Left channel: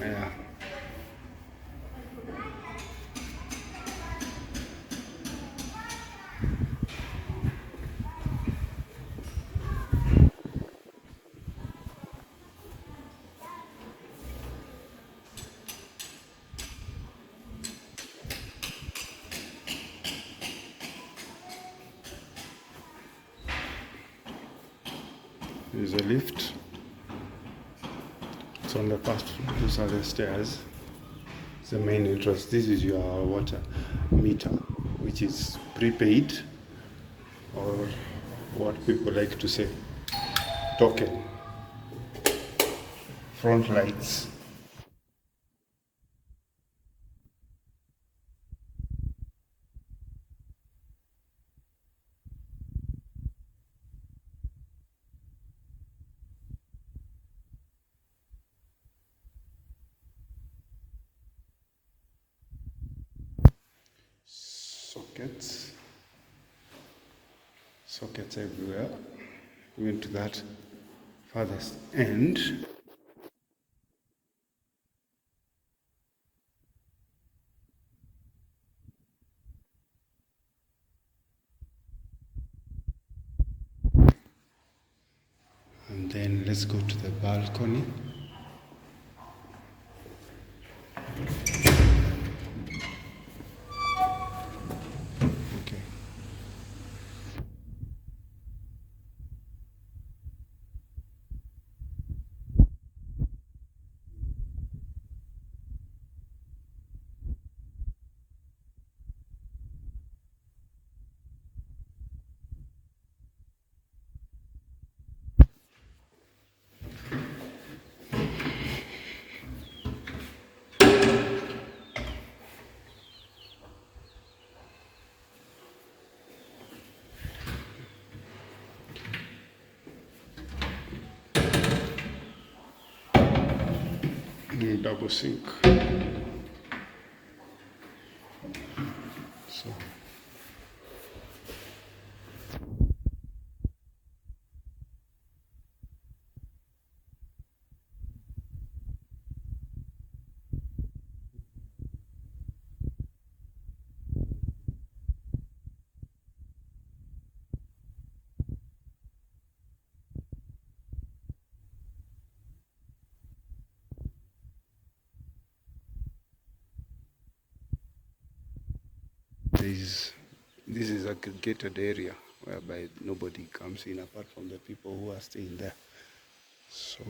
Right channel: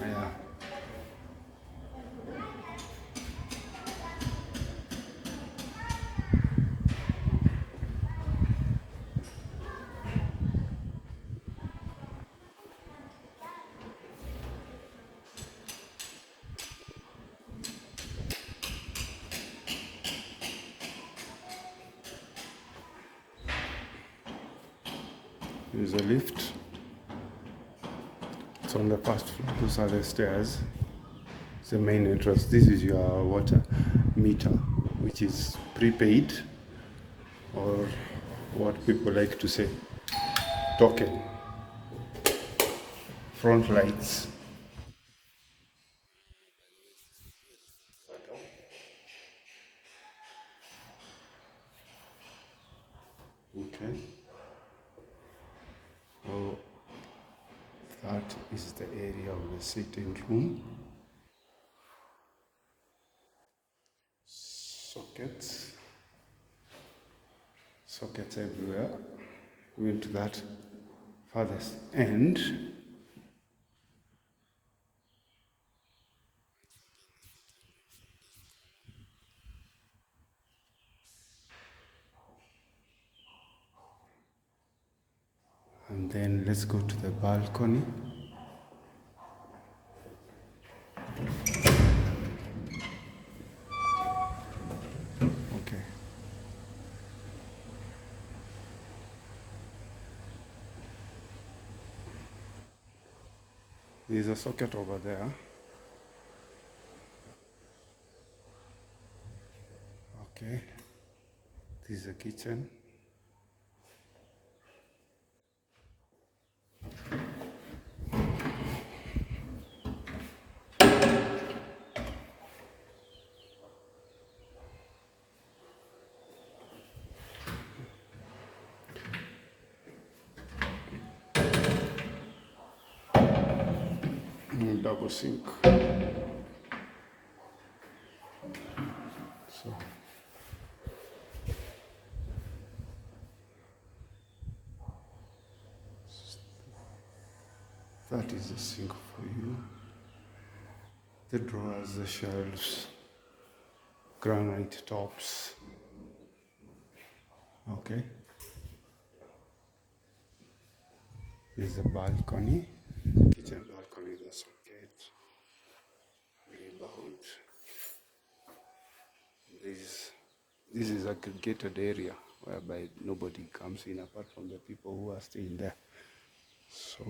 Yeah. There's a lift. It's on the first floor. These are the stairs. It's the main entrance. This is your water meter, which is prepaid, or what people like to say, token. Front lights. Okay. Oh, that is the area of the sitting room. Sockets. Sockets everywhere. We went to that farthest end. And then let's go to the balcony. Okay. There's a socket over there. Okay. This is a kitchen. Double sink. So that is the sink for you. The drawers, the shelves, granite tops. Okay. There's a balcony. Kitchen balcony, the socket. This is a gated area whereby nobody comes in apart from the people who are staying there. So,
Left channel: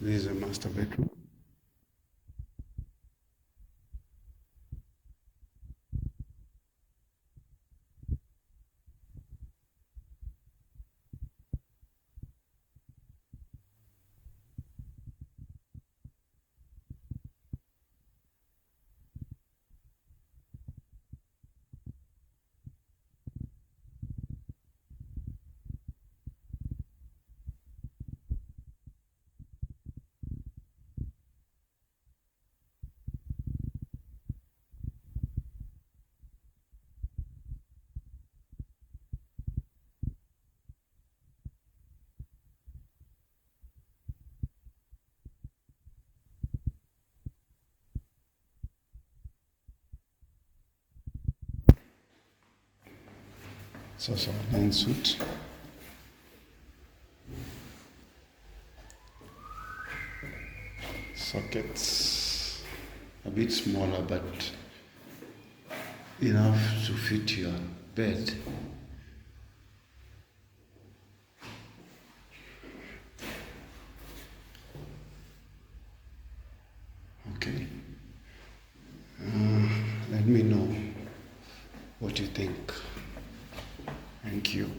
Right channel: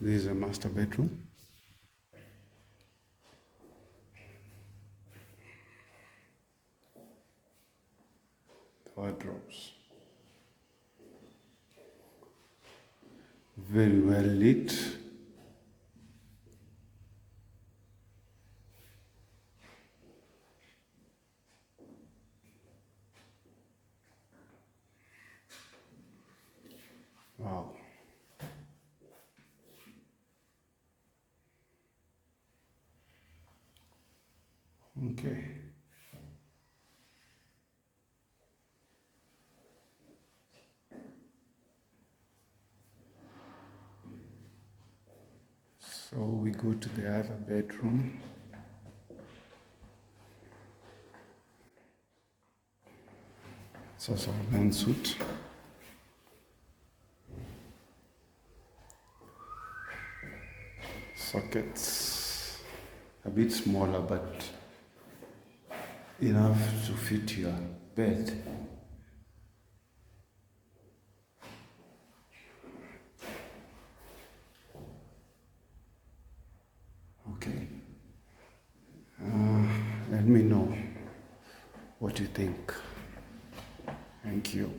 this is a master bedroom. Wardrobes. Very well lit. Wow. Okay. So we go to the other bedroom. It's also a ensuite. Sockets, a bit smaller but enough to fit your bed. Okay. Let me know what you think. Thank you.